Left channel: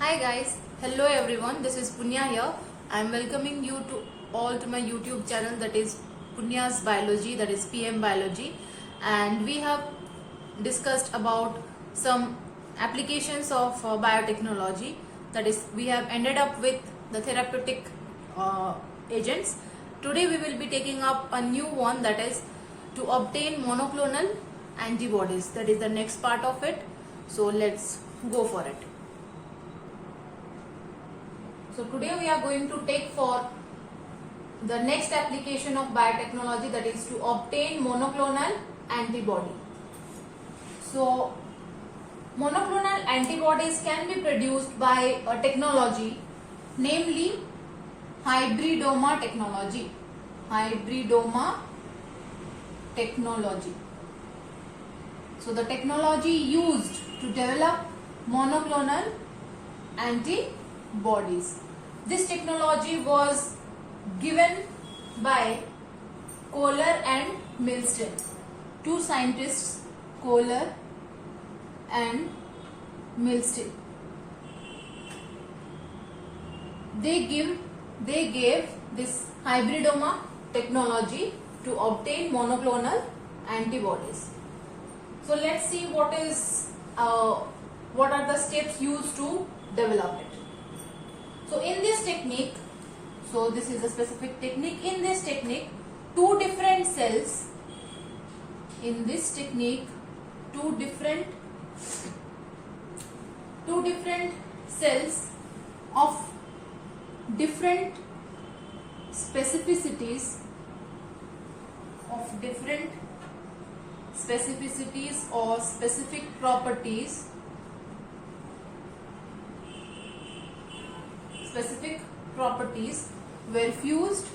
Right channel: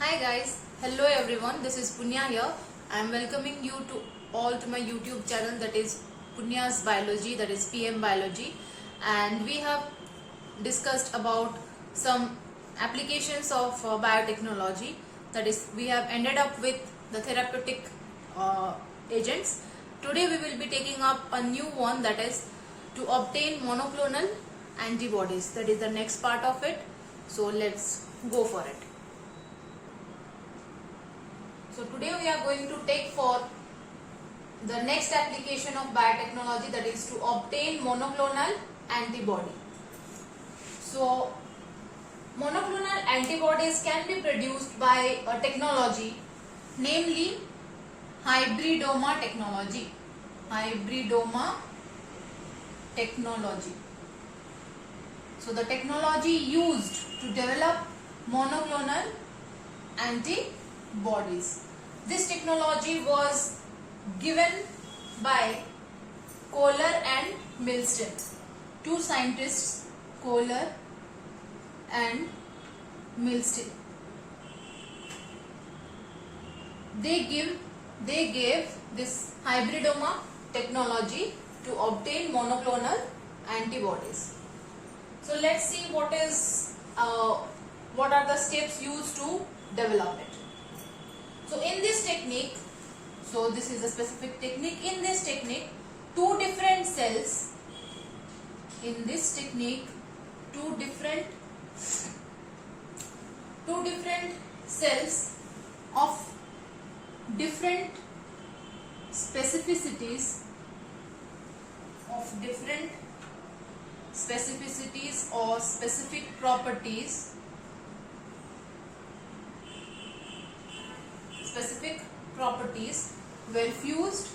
Hi guys, hello everyone. This is Punya here. I am welcoming you to all to my YouTube channel, that is Punya's Biology, that is PM Biology, and we have discussed about some applications of biotechnology. That is, we have ended up with the therapeutic agents. Today we will be taking up a new one, that is to obtain monoclonal antibodies. That is the next part of it. So let's go for it. So today we are going to take for the next application of biotechnology, that is to obtain monoclonal antibody. So monoclonal antibodies can be produced by a technology, namely hybridoma technology. Hybridoma technology. So the technology used to develop monoclonal antibodies. This technology was given by Kohler and Milstein, two scientists, Kohler and Milstein. They gave this hybridoma technology to obtain monoclonal antibodies. So let's see what are the steps used to develop it. So in this technique, so this is a specific technique. In this technique, two different cells of different specificities or specific properties were fused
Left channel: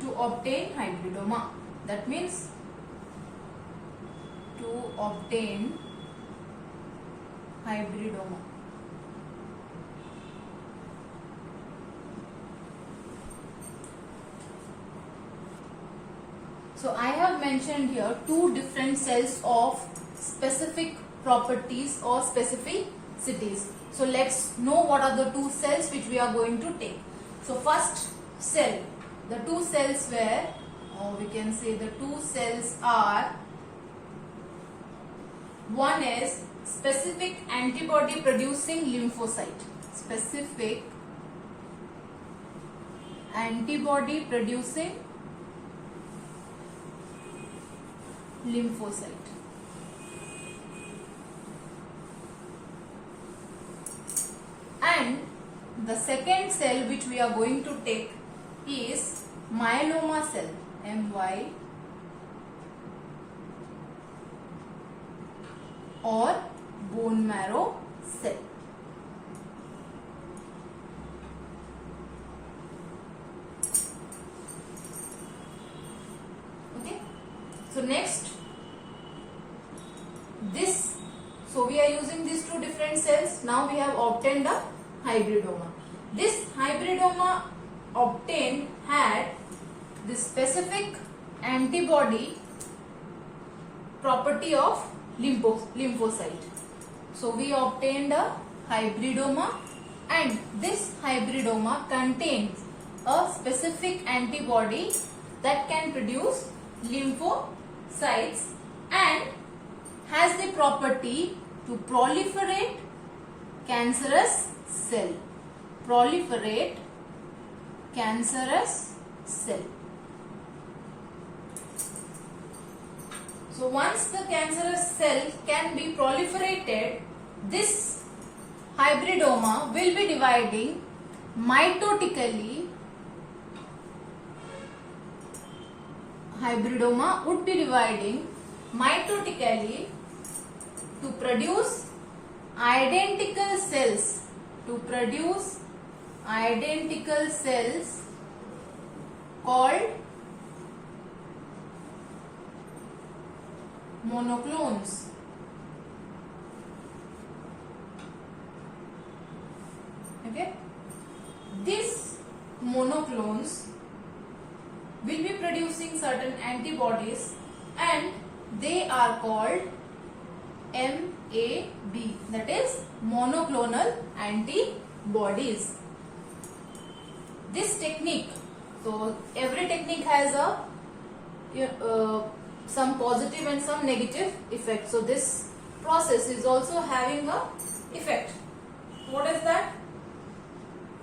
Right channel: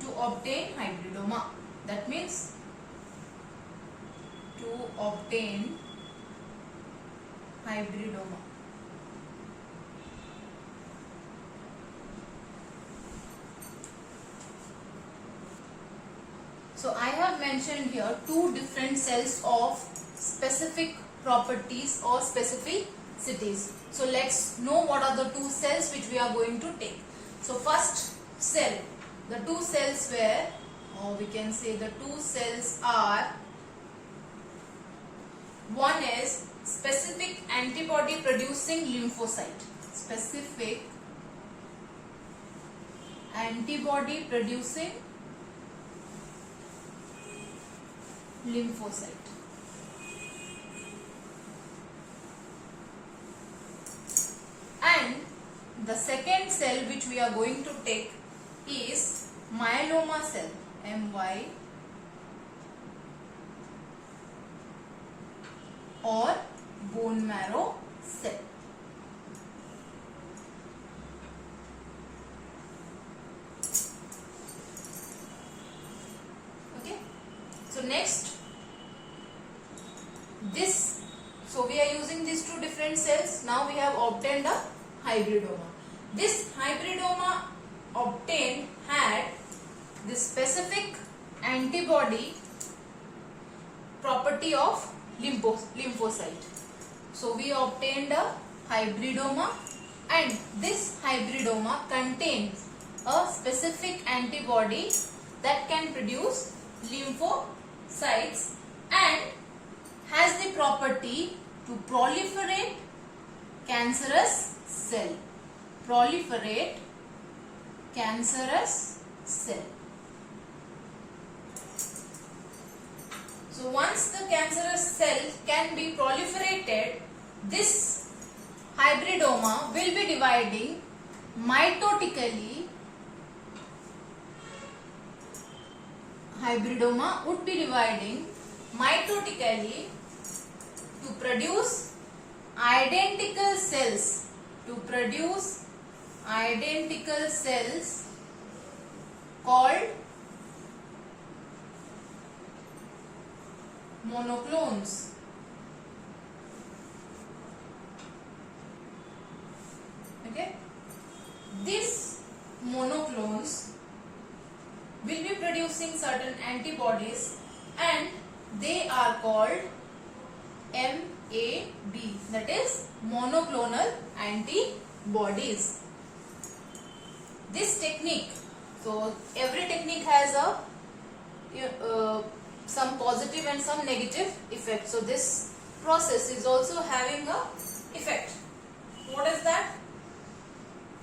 to obtain hybridoma. That means to obtain hybridoma. So I have mentioned here two different cells of specific properties or specificities. So let's know what are the two cells which we are going to take. So first cell, the two cells were, or we can say the two cells are, one is specific antibody producing lymphocyte. Specific antibody producing lymphocyte. And the second cell which we are going to take is myeloma cell, MY, or bone marrow cell. Okay. So next, so we are using these two different cells. Now we have obtained a hybridoma. This hybridoma obtained had the specific antibody property of lymphocyte. So we obtained a hybridoma, and this hybridoma contains a specific antibody that can produce lymphocytes and has the property to proliferate cancerous cell. Proliferate cancerous cell. So once the cancerous cell can be proliferated, this hybridoma will be dividing mitotically. Hybridoma would be dividing mitotically to produce identical cells. Called monoclones. Okay, these monoclones will be producing certain antibodies, and they are called MAB, that is monoclonal antibodies. This technique, so every technique has a some positive and some negative effect. So this process is also having a effect. What is that?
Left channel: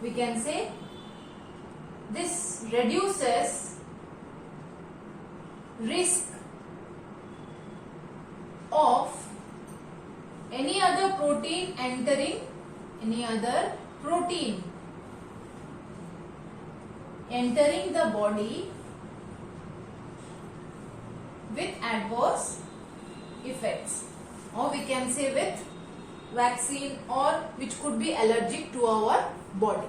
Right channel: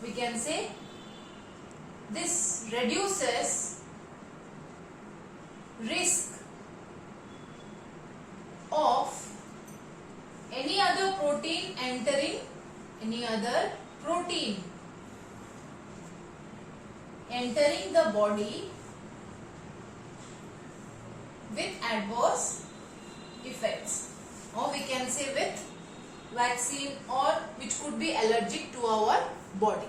We can say this reduces risk of any other protein entering the body with adverse effects, or we can say with vaccine, or which could be allergic to our body.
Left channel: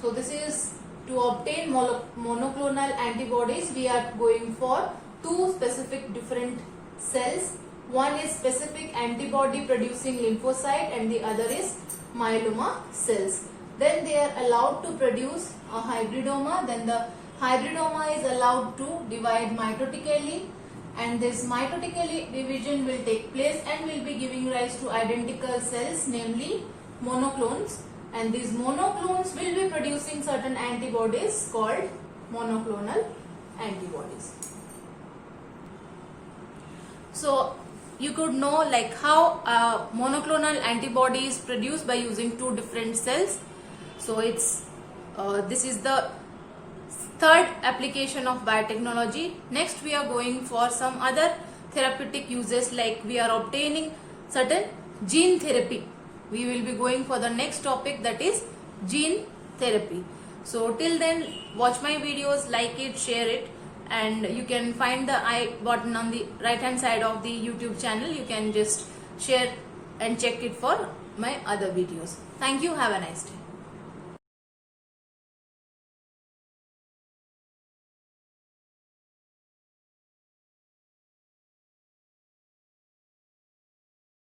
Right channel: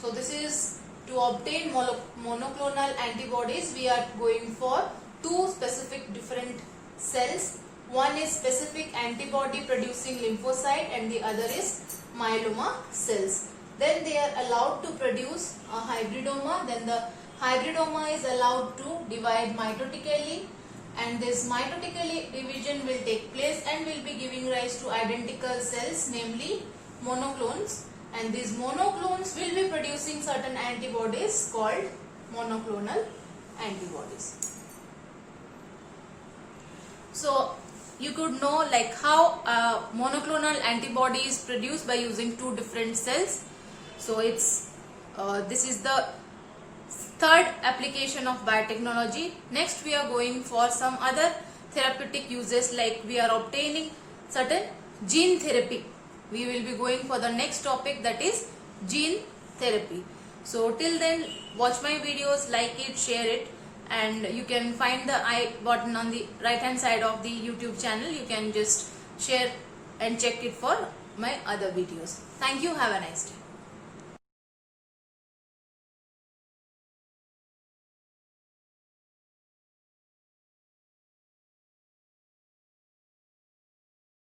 So this is to obtain monoclonal antibodies. We are going for two specific different cells. One is specific antibody producing lymphocyte and the other is myeloma cells. Then they are allowed to produce a hybridoma. Then the hybridoma is allowed to divide mitotically, and this mitotically division will take place and will be giving rise to identical cells, namely monoclones, and these monoclones will be producing certain antibodies called monoclonal antibodies. So you could know like how monoclonal antibody is produced by using two different cells. So it's this is the third application of biotechnology. Next we are going for some other therapeutic uses, like we are obtaining certain gene therapy. We will be going for the next topic, that is gene therapy. So till then, watch my videos, like it, share it, and you can find the I button on the right hand side of the YouTube channel. You can just share and check it for my other videos. Thank you. Have a nice day.